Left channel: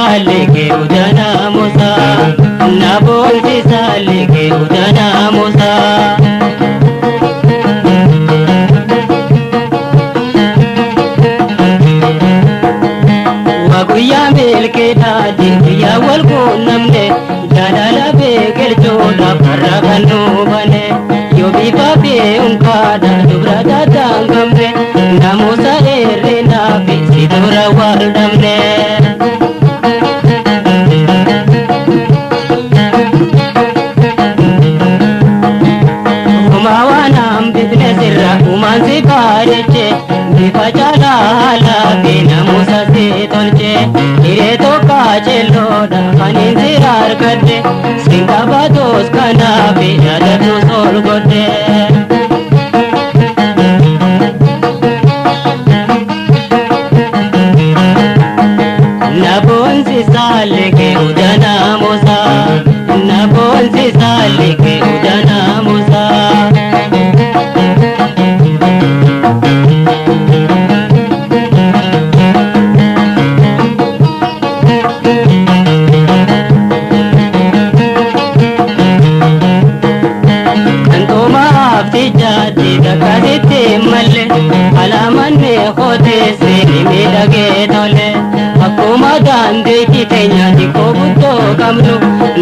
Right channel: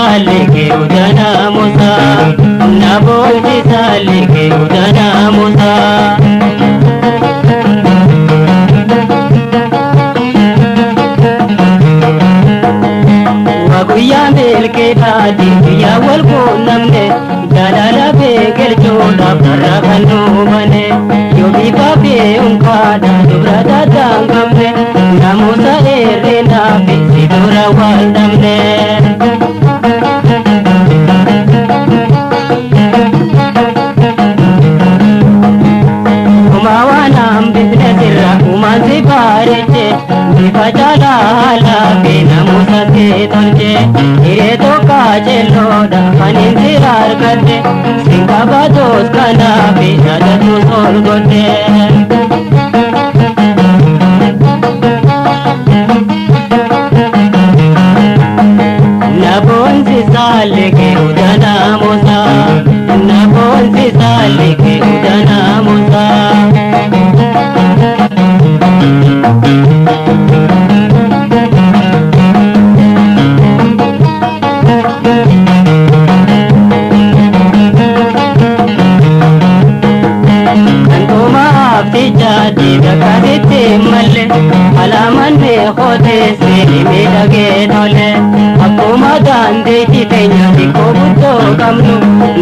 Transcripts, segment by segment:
sale ke udana musa nabonsi sale ke udana musa waguya melke dadi ya walko namne dalala be geljola paraganu bane yobi babe unka da durada dangamne namusa erena bi sidura waldamne umawana ambidne sirra umansi bareche difajala hala be namusa se tolche ire to kajelo da haninzirar kade singabados kana be jadatu sol gode nabonsi sale ke udana musa nabonsi sale ke udana musa kantoma abdi dakadite malle alamanne khode se me lage dole akuma dande kitenya diko butto kamnu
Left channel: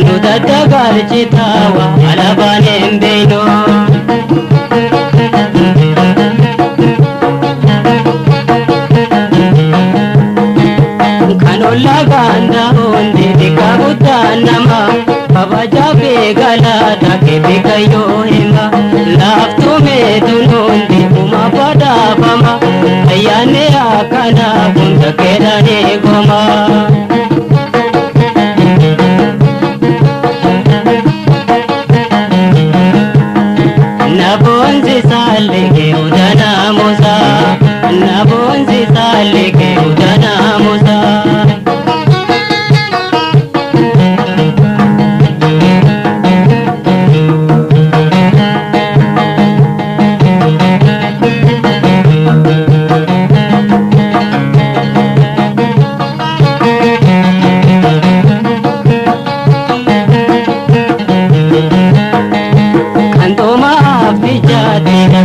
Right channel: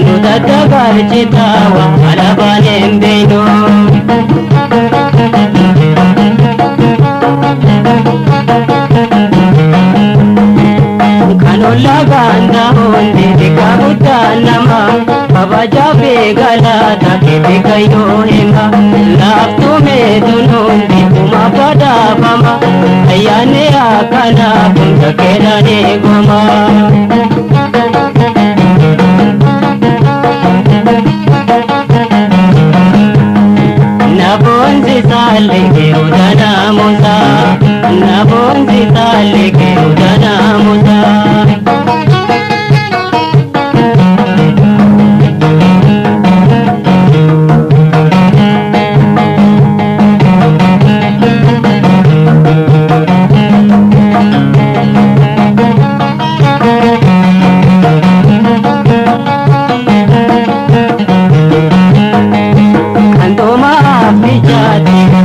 nudada garchitawa alabane mbeno kanolla ganda honde dikabutta nama babaja begala take bekayo hema laftu me dunundi kuma pada fama ayane akana punta kerane goma nabonsi sale ke udana musa nabonsi sale ke udana musa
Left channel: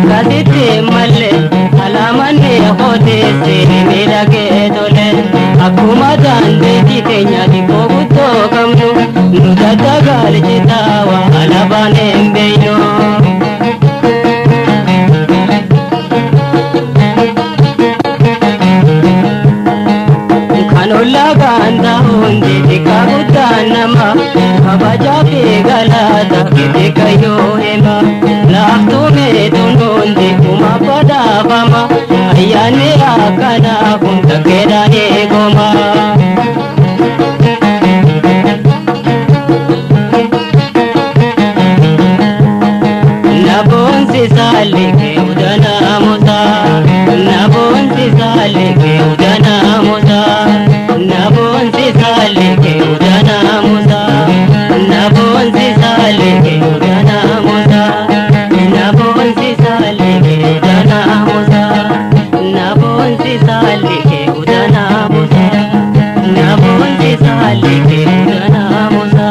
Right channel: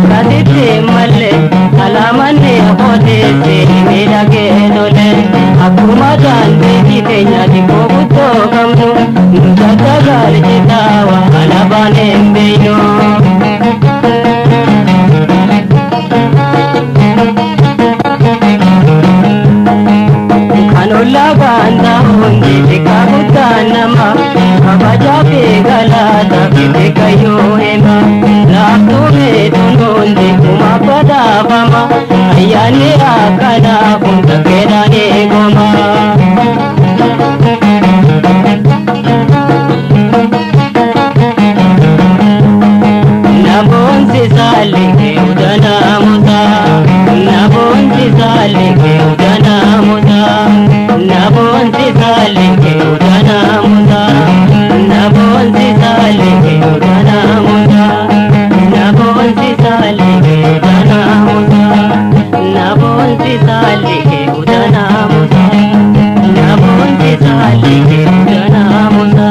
kadite malle alamanne khode se me lage dole akuma dande kitenya diko butto kamnu nudada garchitawa alabane mbeno kanolla ganda honde dikabutta nama babaja begala take kayo hema laftu me dunonde kuma pada fama ayane akana punta kerane goma nabonsi sale ke udana musa nabonsi sale ke udana musa nabonsi sale ke udana musa nabonsi sale ke udana musa nabonsi sale ke udana musa nabonsi sale ke udana musa nabonsi sale ke udana musa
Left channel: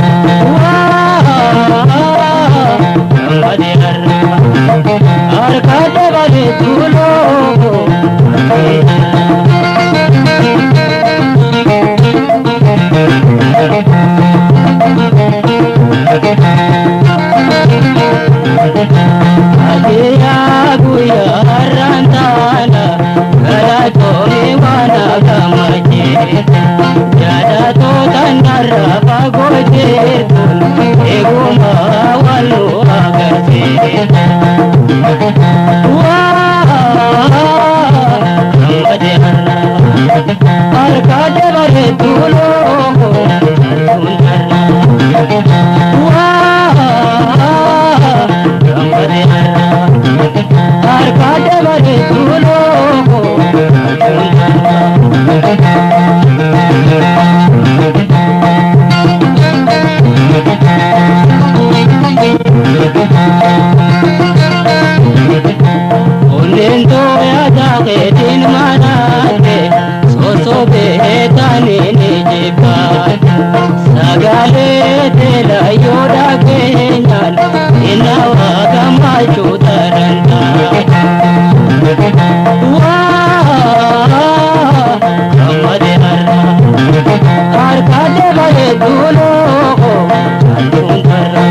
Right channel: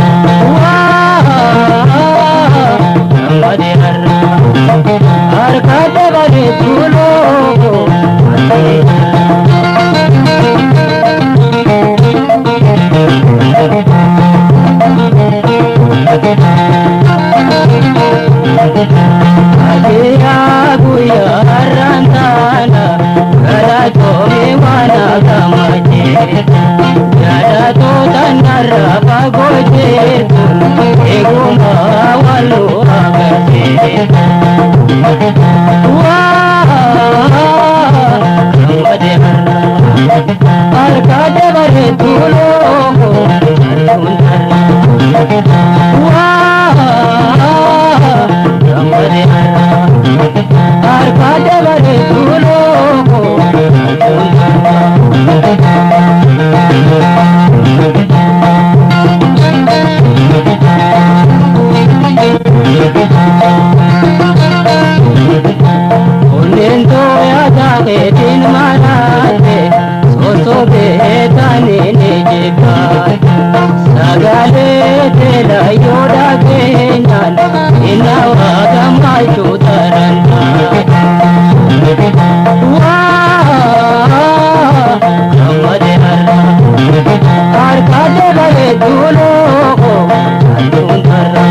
Wow. Arkade bare tulo aluntarra wah gamare harra arkade bare tulo Olendo ya jahe din manate so betane ne jekat sagale de la yoda kenyan inawa gamai chutaranta wah gamade harra arkade bare dulo alun harra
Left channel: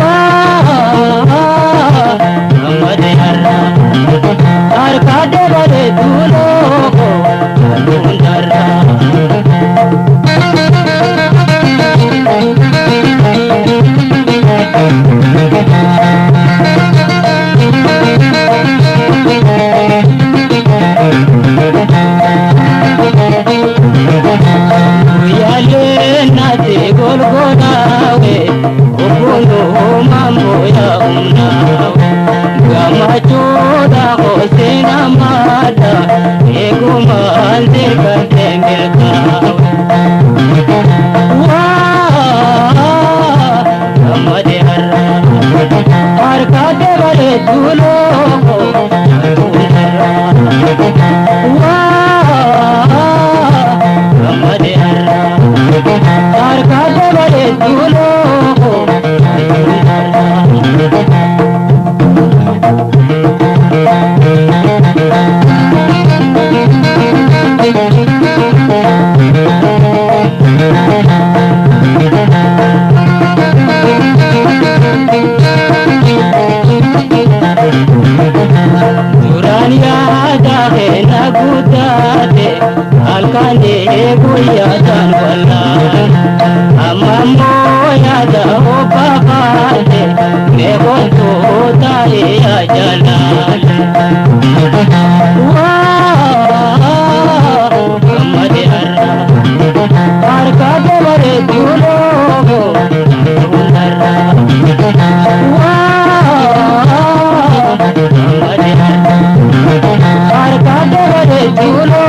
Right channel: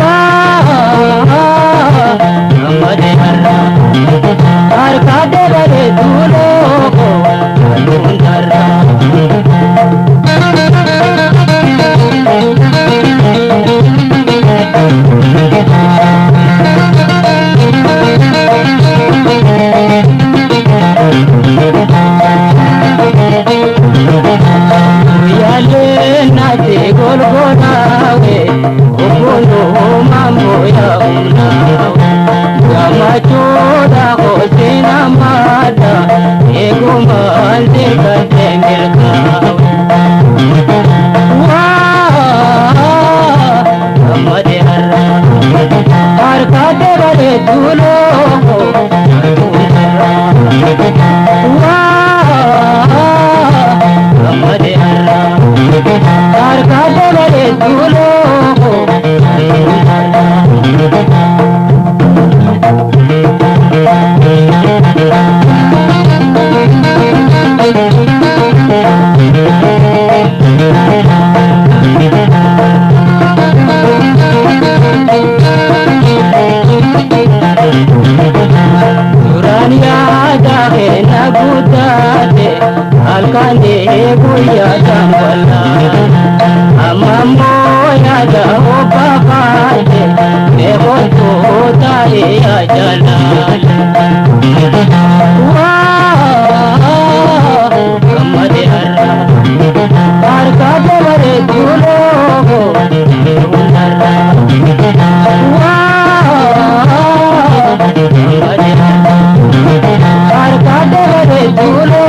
wah gamade harra arkade bare dulo alun harra yale nate golgonawe obondo mambo ya unawe gamachoda hosena mada egumalde katemirkawe wah gamade harra arkade bare dulo gamade harra arkade bare dulo Nuraniya jahe nagudate alkande guya tanwala amambo ya jaho babate mego to tae ya jalal wah gamade harra arkade bare dulo harra wah gamade harra arkade bare dulo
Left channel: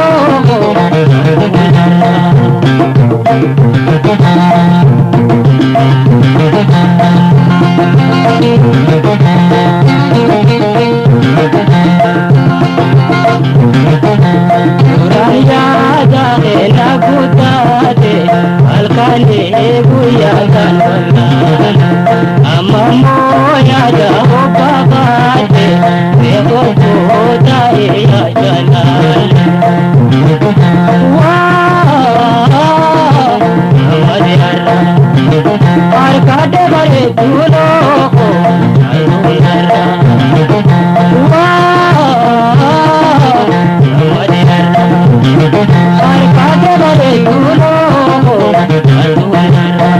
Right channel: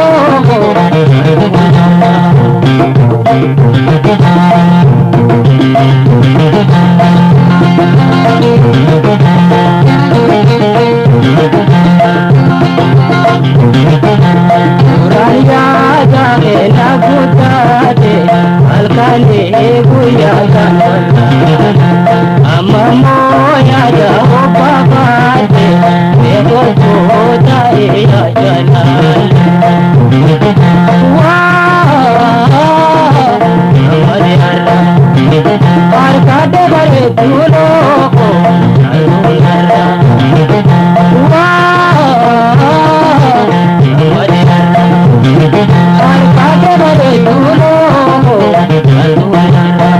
Uraya jahe nagudate alkane guya tanwala amamo ya jaho babate ego toda ya jalal wah gamade harra arkade bare dulo alun harra wah gamade harra arkade bare dulo alun harra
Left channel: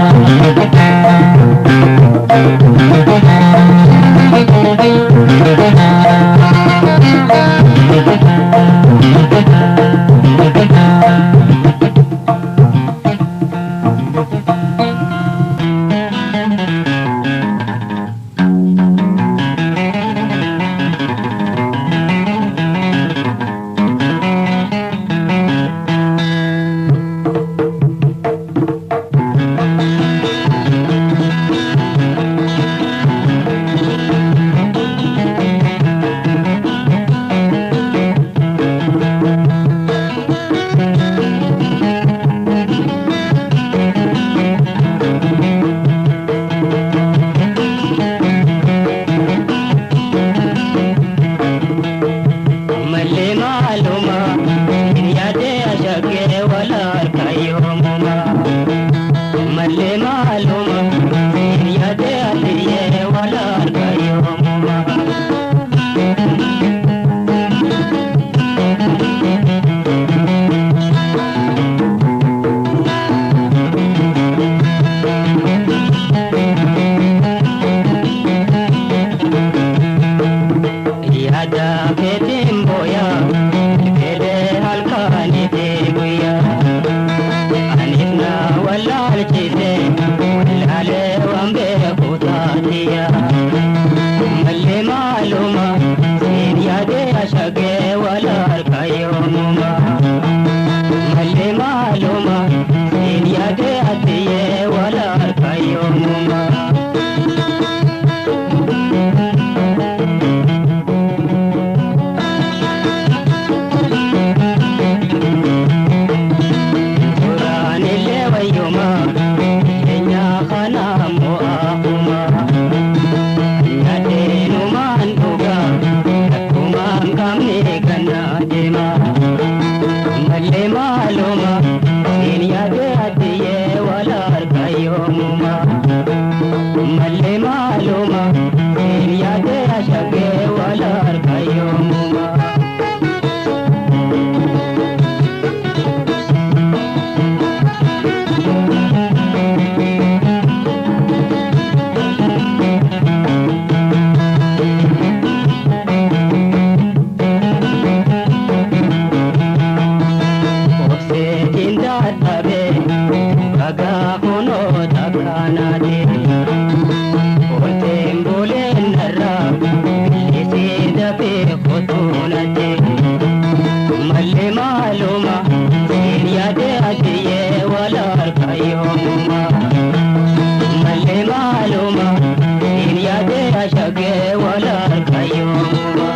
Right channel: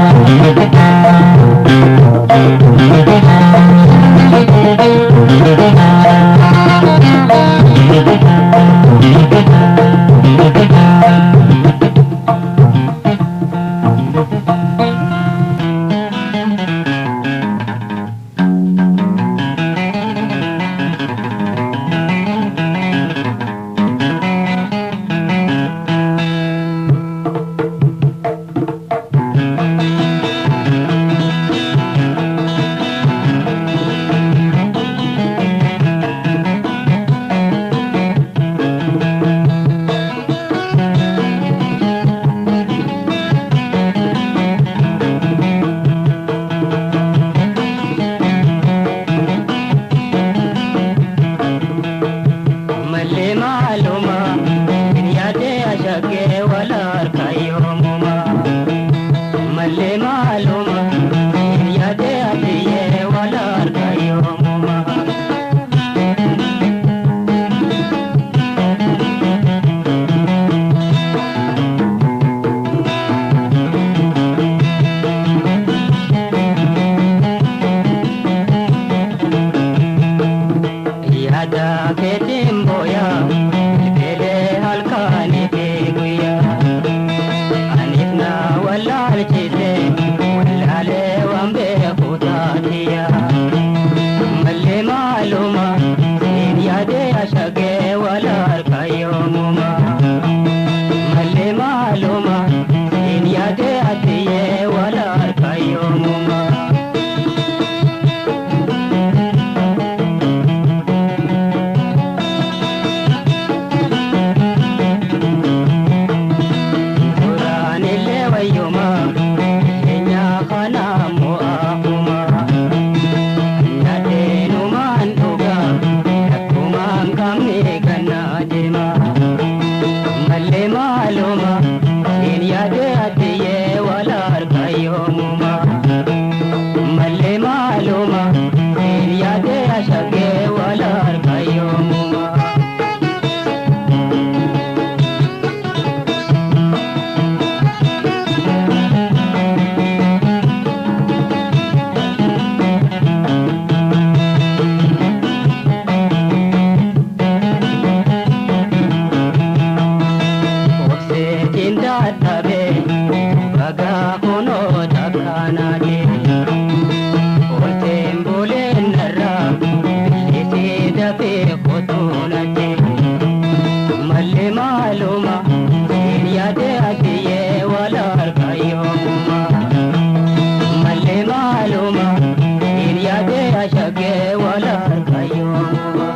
मल्ले मालूमा तेरिया दे आदिये वाला कायोमा मल्ले मालूमा तेरिया दे आशगे वाला कायोमा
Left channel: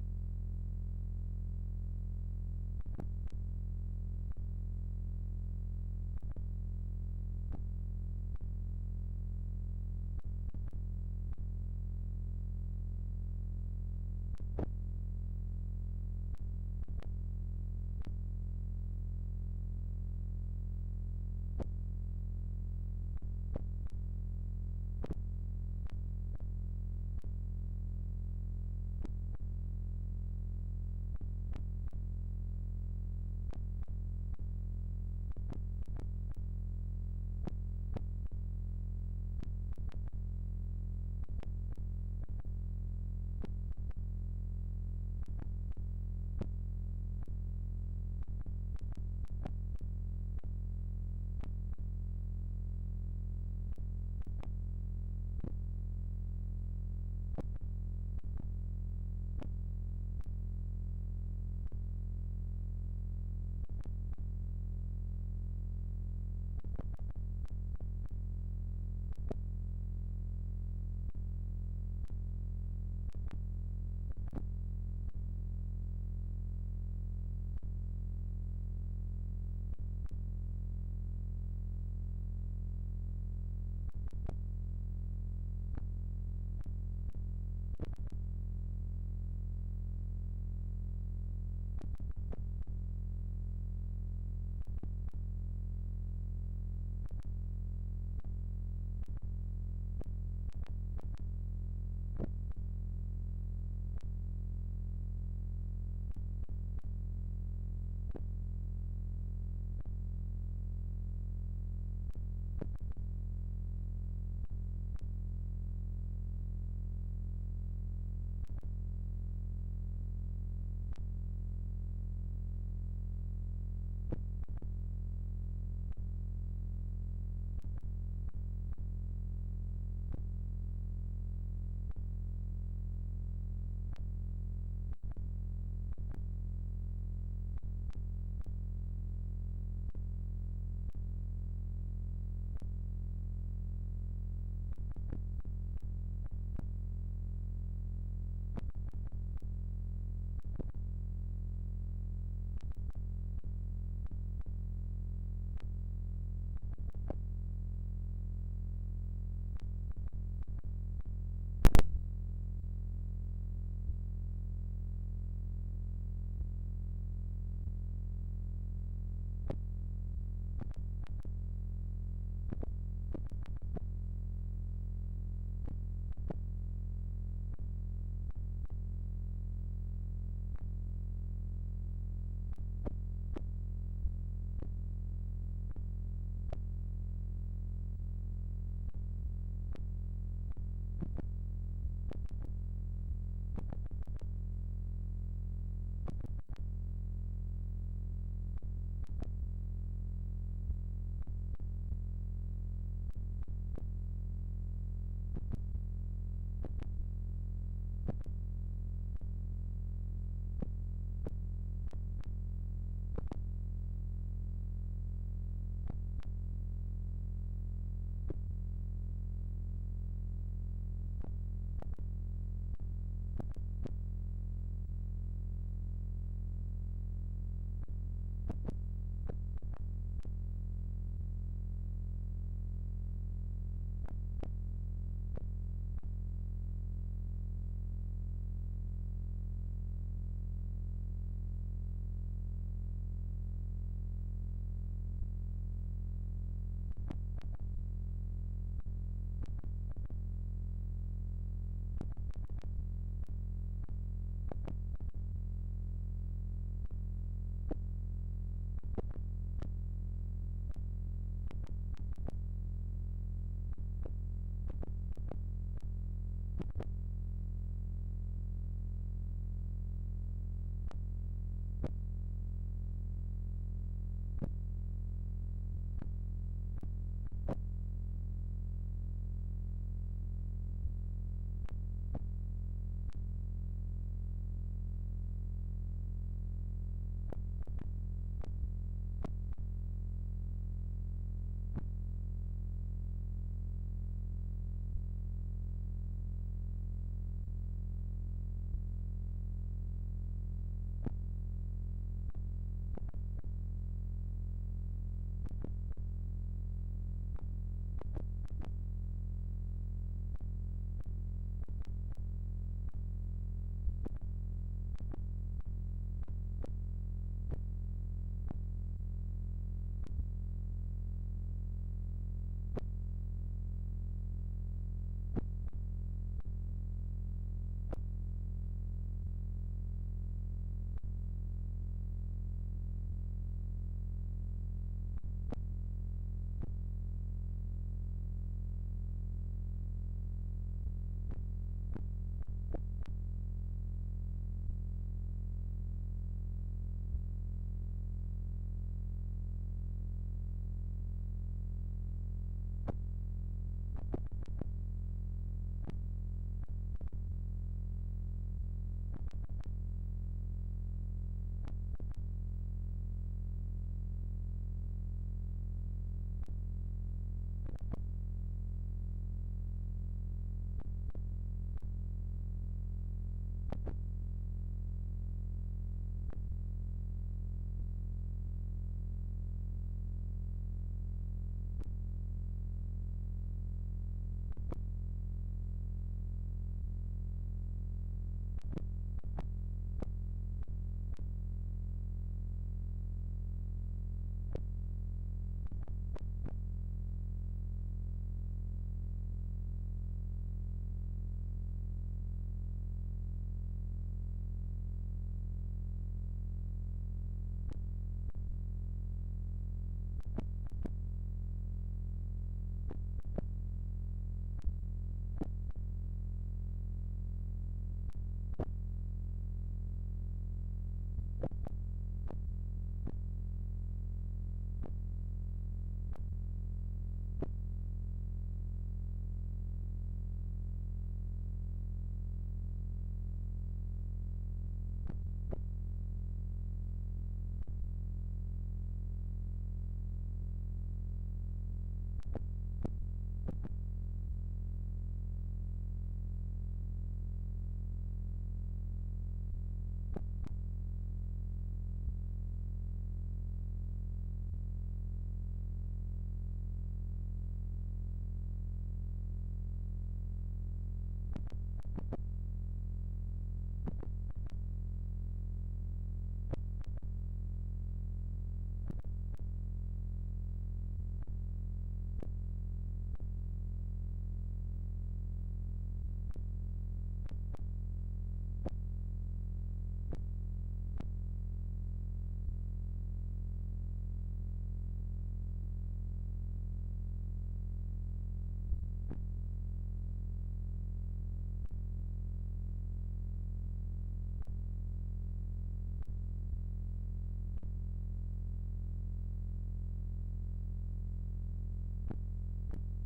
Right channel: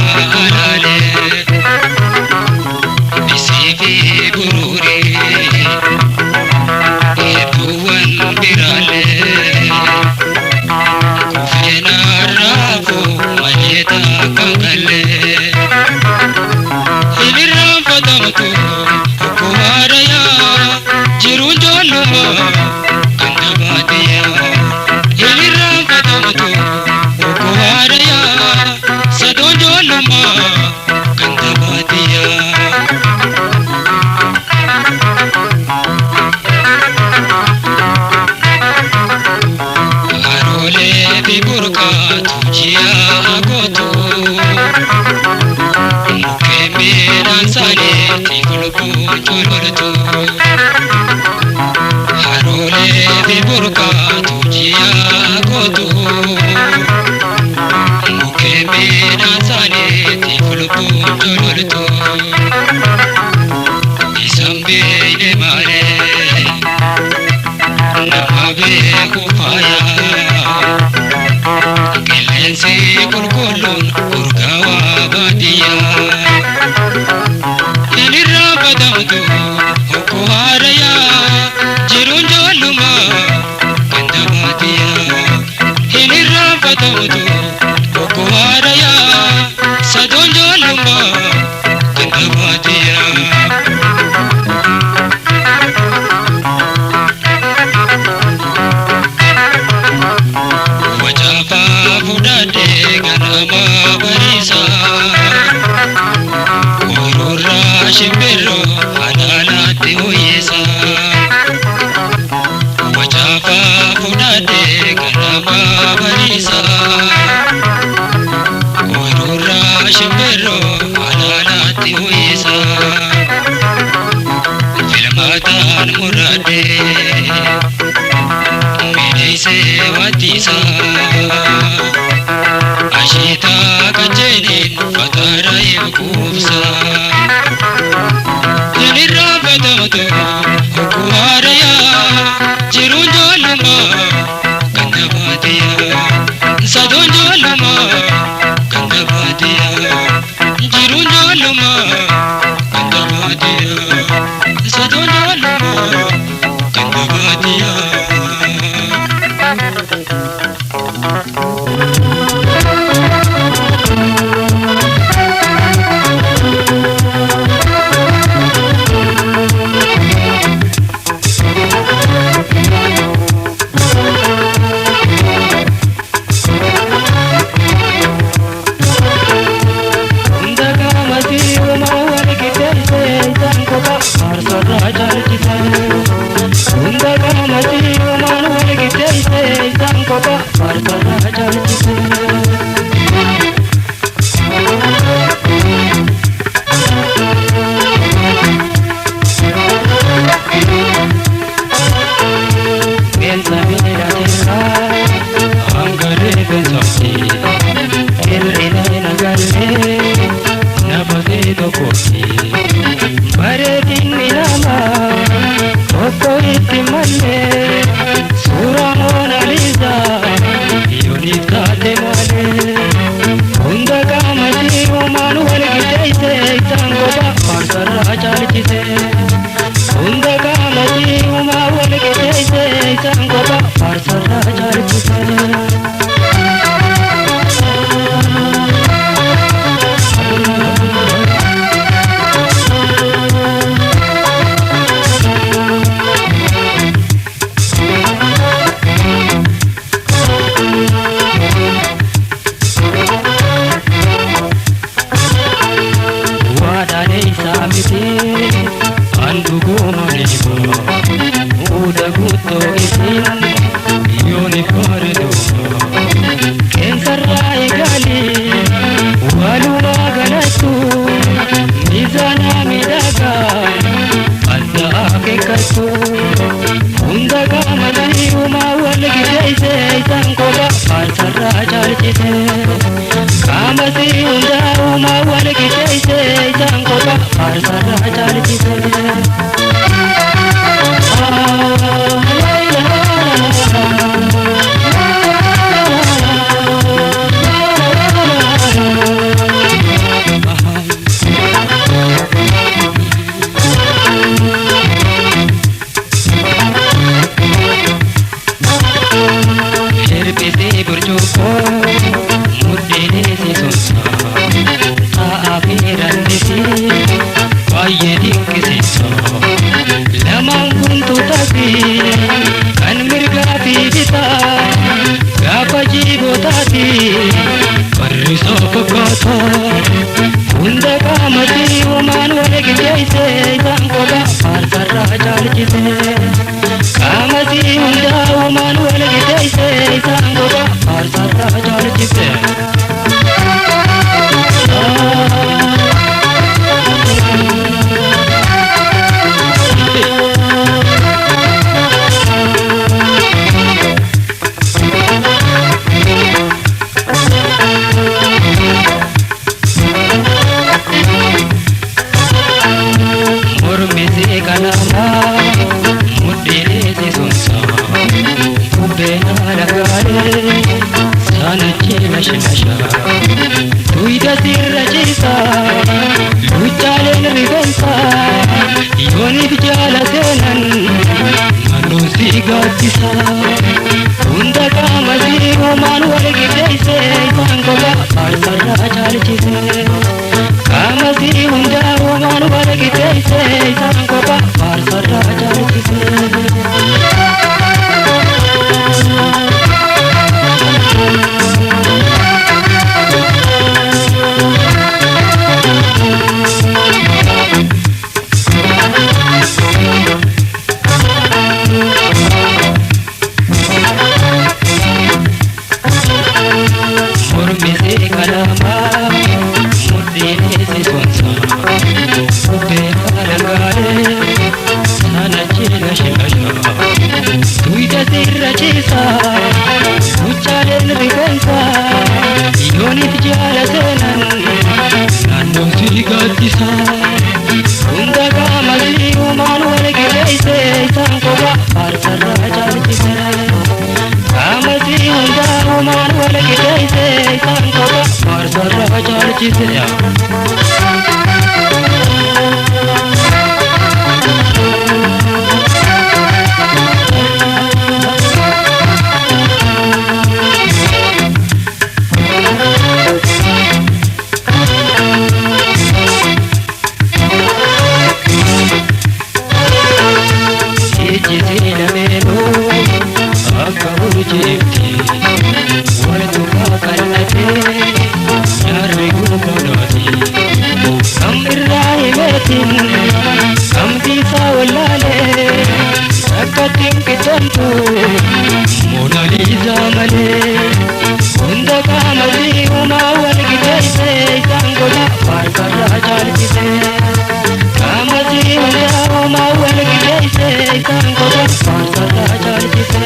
jaalale bisiifi gururi hedduuwwan biraalee kufeena raafu majeeta kan galee hilirraan fatamtu okko haarayaa jiruun joolluma kan dabaatiyaa hilirraan fatamtu okko haarayaa sadoon joolluma kan dabaatiyaa. Harolee fi burqaatu ji'a gootu mukkeen midhaan isaaniitti gulguun jololtu. Harolee fi burqaatu ji'a gootu mukkeen midhaan isaaniitti gulguun jololtu. Isaan beeyne malee nama beeku faayaa qilleensi qulqulluun urgaawaa baadiyyaa hilirraa fatamtu okko haarayaa jiruun joolluma kan dabaatiyaa hilirraa fatamtu okko haarayaa sadoon joolluma kan dabaatiyaa. Wajafaa fudhadhee ganama bariisa ooyiruu shimbirroo halaalaatti ho'iisa. Wajafaa fudhadhee ganama bariisa ooyiruu shimbirroo halaalaatti ho'iisa. Filmaataan muradhee miidheessee waattiisa asheetaa kacheeniin fataara eeguufsa. Hilirraa fatamtu okko haarayaa jiruun joolluma kan dabaatiyaa sadoon joolluma kan dabaatiyaa jiruun joolluma kan dabaatiyaa sadoon joolluma kan dabaatiyaa. Bareedinni namaa tokko itti malee suuraa Moonaliisaa yooniif taate malee hunda qaamatii uumaan wal qixxeessee isaan kophaa faarsarraa caalchisee hunda qaamatii uumaan wal qixxeessee isaan kophaa faarsarraa caalchisee. hunda qaamati uumaan wal qixxeesse isaan qofa faarsarraa caalchise qaamati hunda uumaan wal qixxeesse isaan qofa faarsarraa caalchise. Hunda qaamati uumaan wal qixxeesse isaan qofa faarsarraa caalchise qaamati hunda uumaan wal qixxeesse isaan qofa faarsarraa caalchise.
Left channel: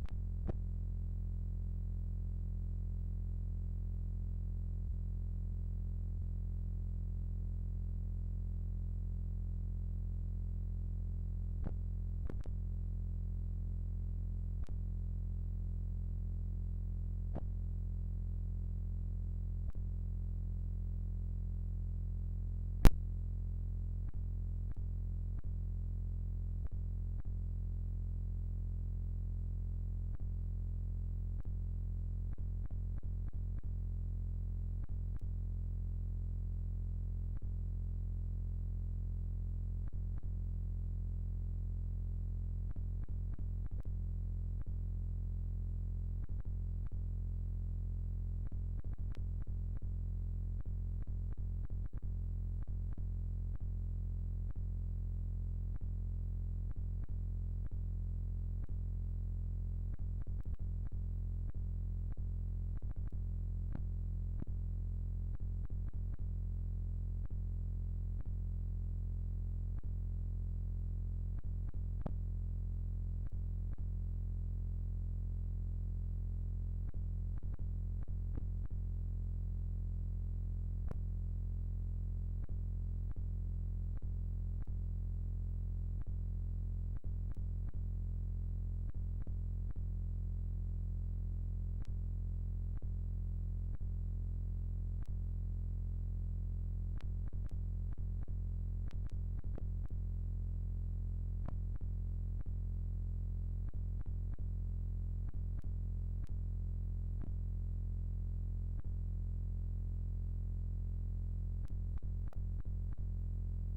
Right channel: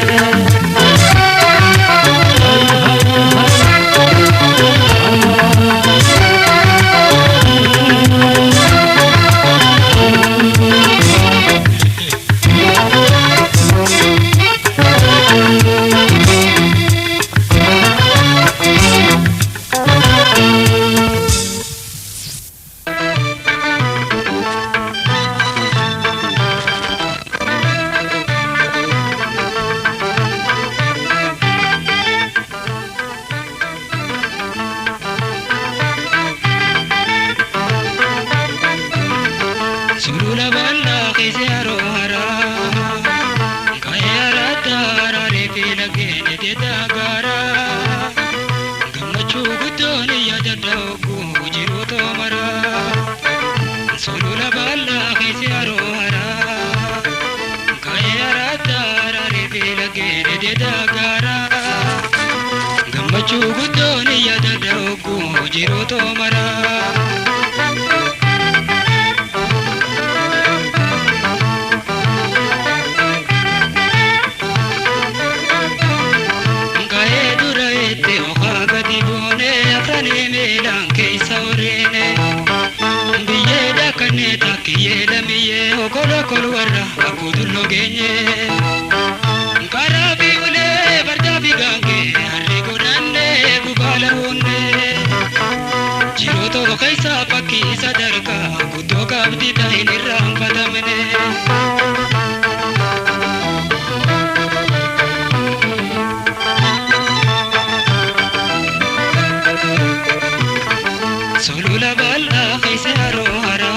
Solula bala kaise arohara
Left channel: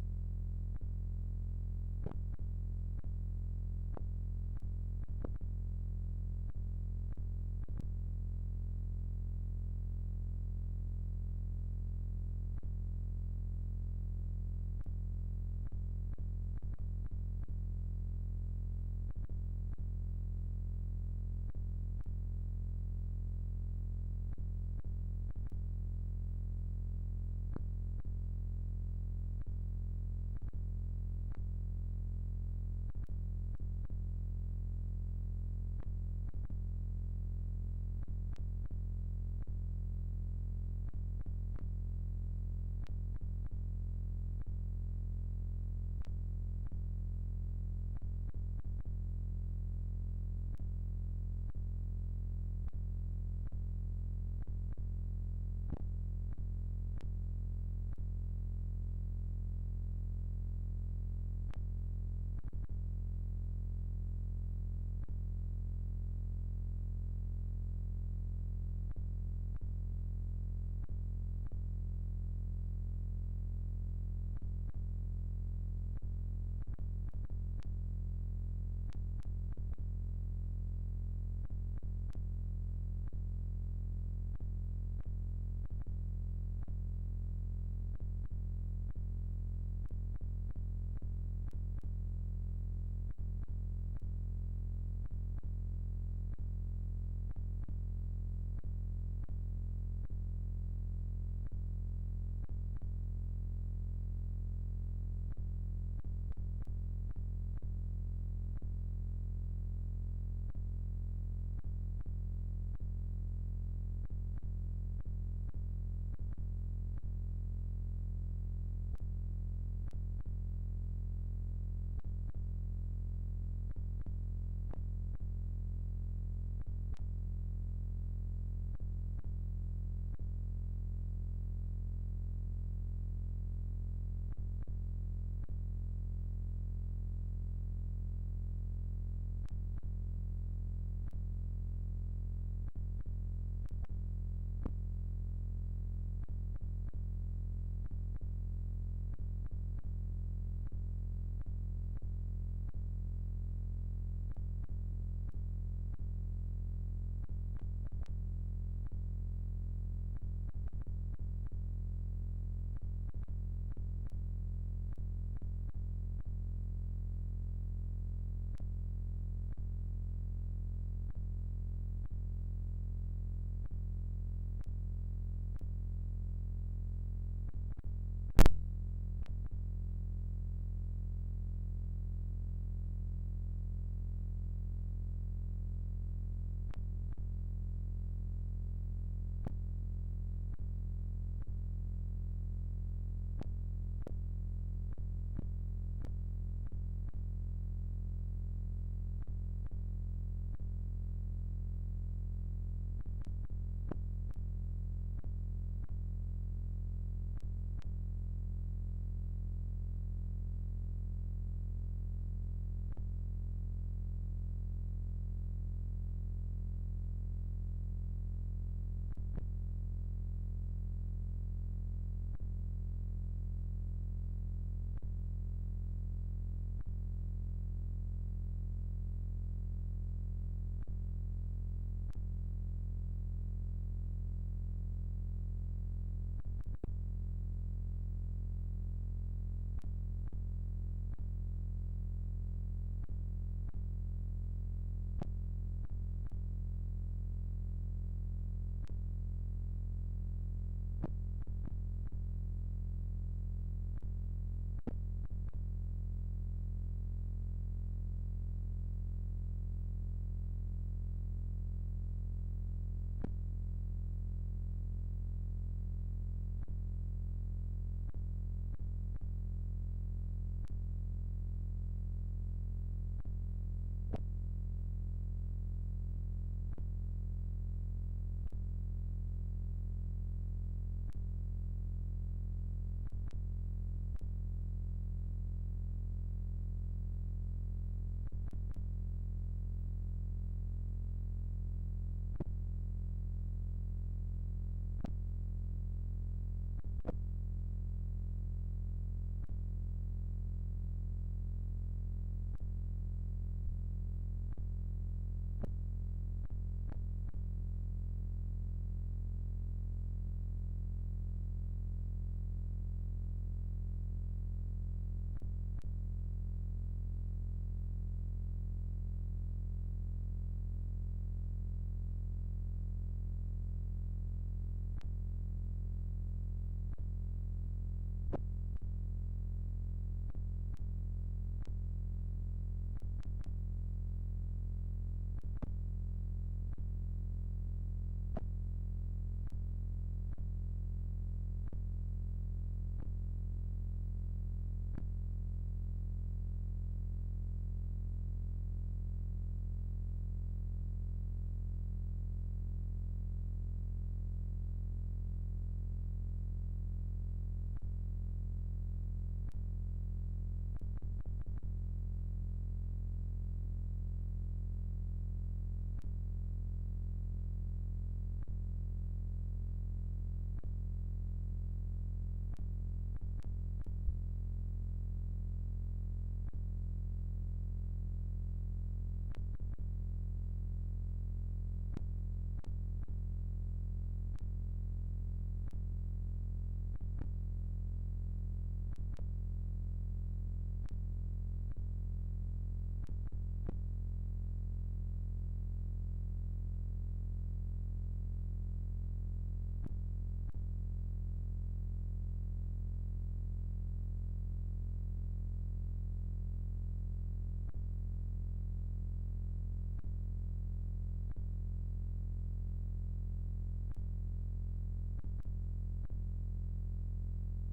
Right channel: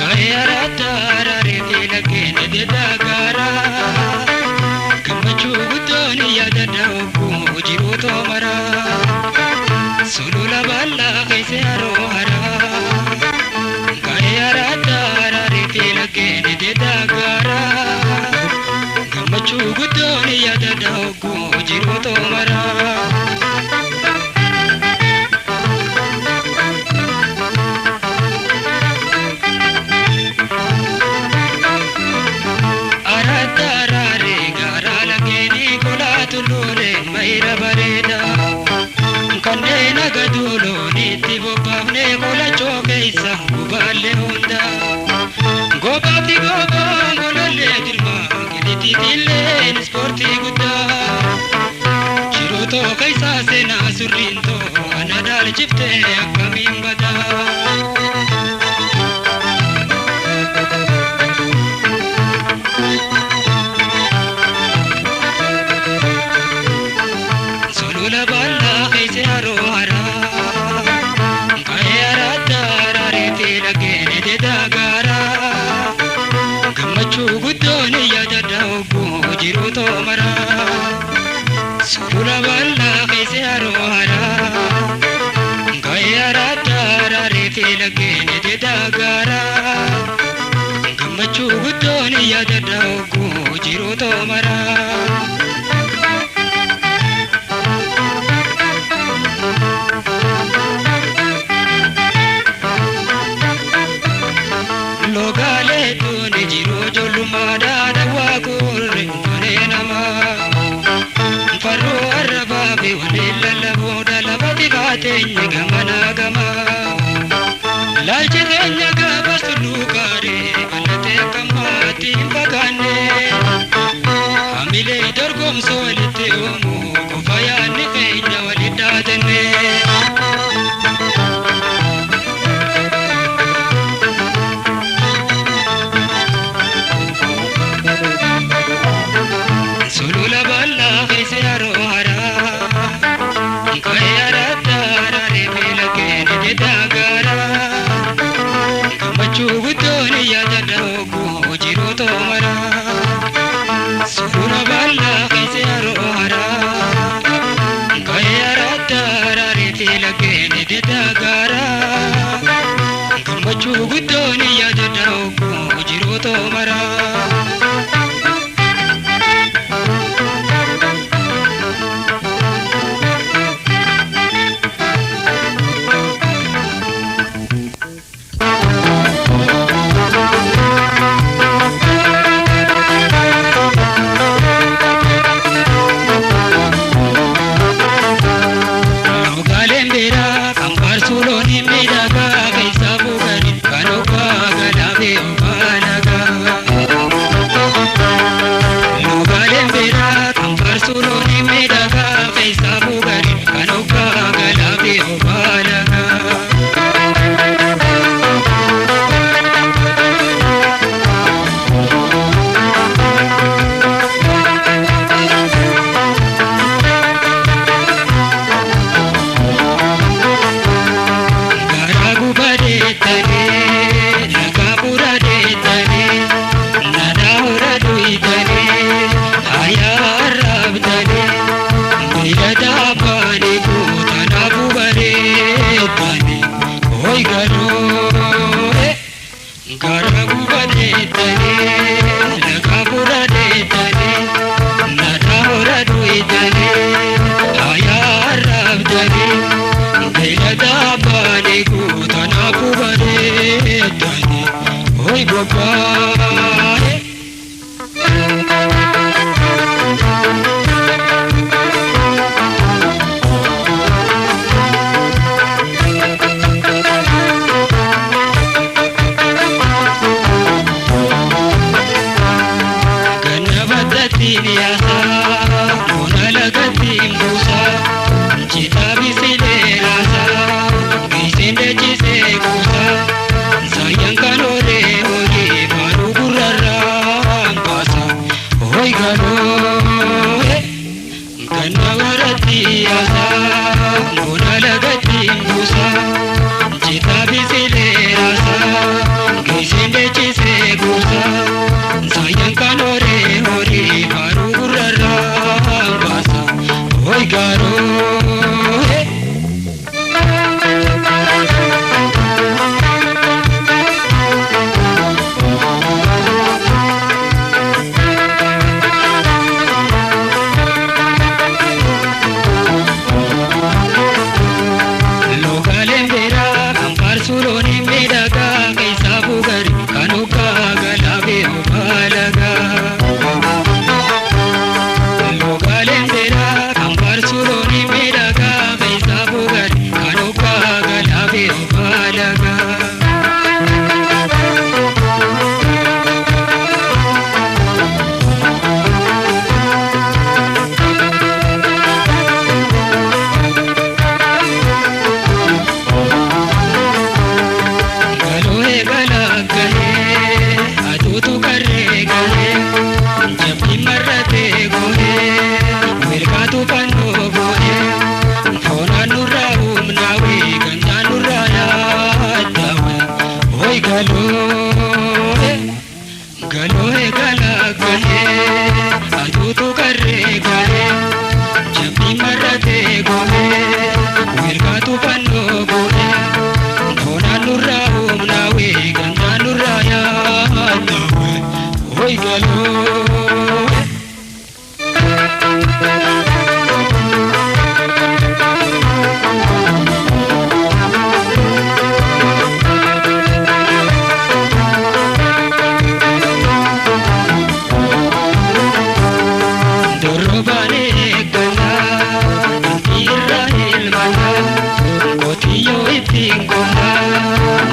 kaya rata rare lagene de dagara kamachu gutoni yada dauku jiru to mara solula bala bobbaafne qola chookeessa gubaalle hunda gobaati gobaan golollee dirma giditiitilleen ispoortii guddaa jirotoo keessaa seenaa surriintoo ana dhaalchiftee akkamiin badaa Sula balla kese arohara gayara dara refe lagene de dagara gamachu gudoni yada daugu jiro to mara logale tuni jiro jolumada dawa kurre nama Farro arrababe walilla laboda labati gaatenya gamana gama laalchiteenya gaba sulukare balate kamati bagane amile dorgomso walite omu kofayaanni keenya walidhaatenne sulula balla kese arohara gayara dara refe lagene de dagara gamachu gudoni yada daugu jiro to mara sulula balla kese arohara gayara dara refe lagene de dagara gamachu gudoni yada daugu jiro to mara Garo,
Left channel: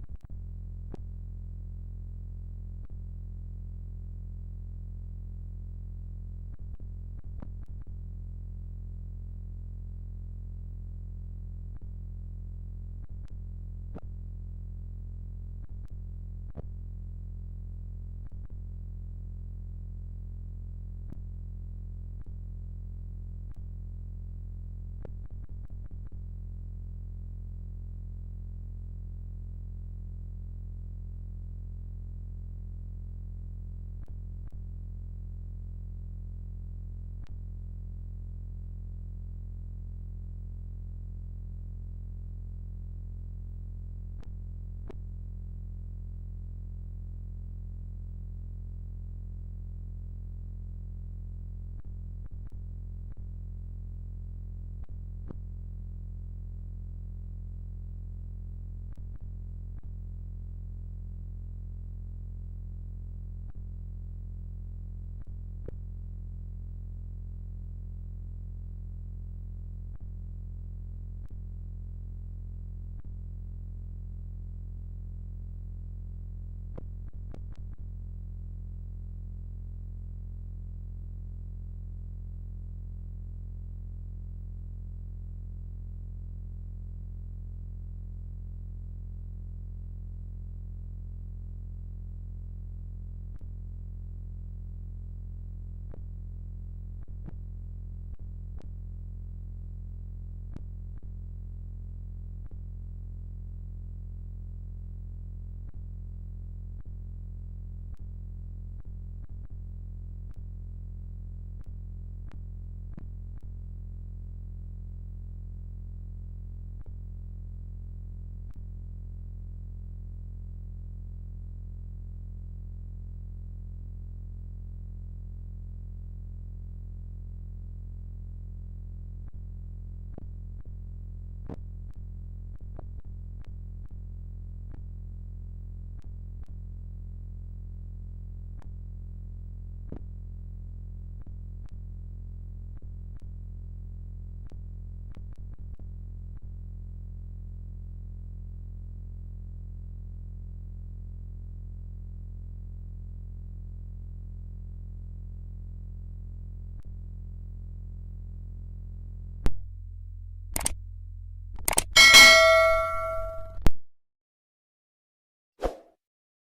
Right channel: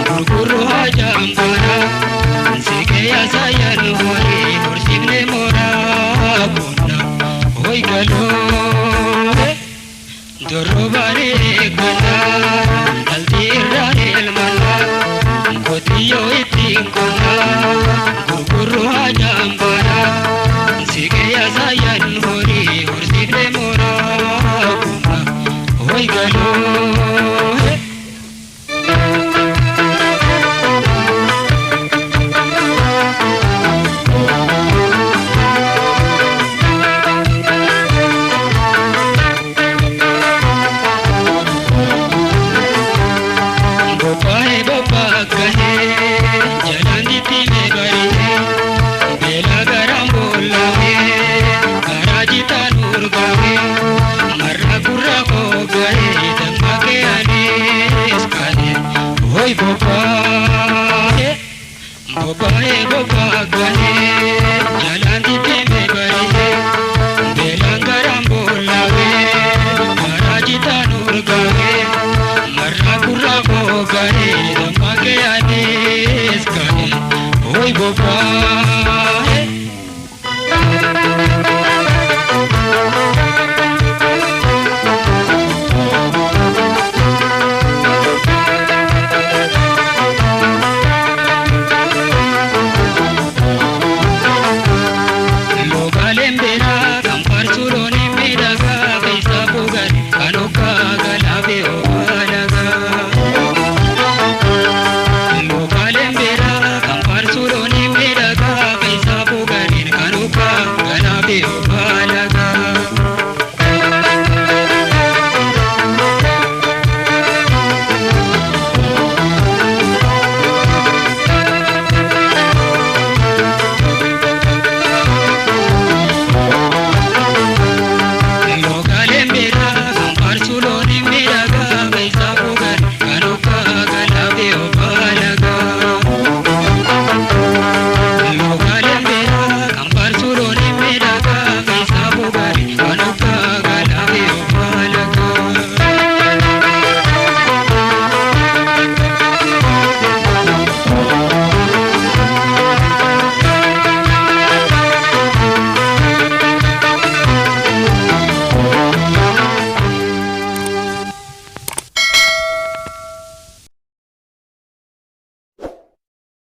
gurgurru hajambana sike ya sayan hori horsine mora kunna hoy galo dorobare kana daldirane elmana kotiyo itingona gurgurru hajambana sike ya sayan hori horsine mora kunna hoy galo Bye.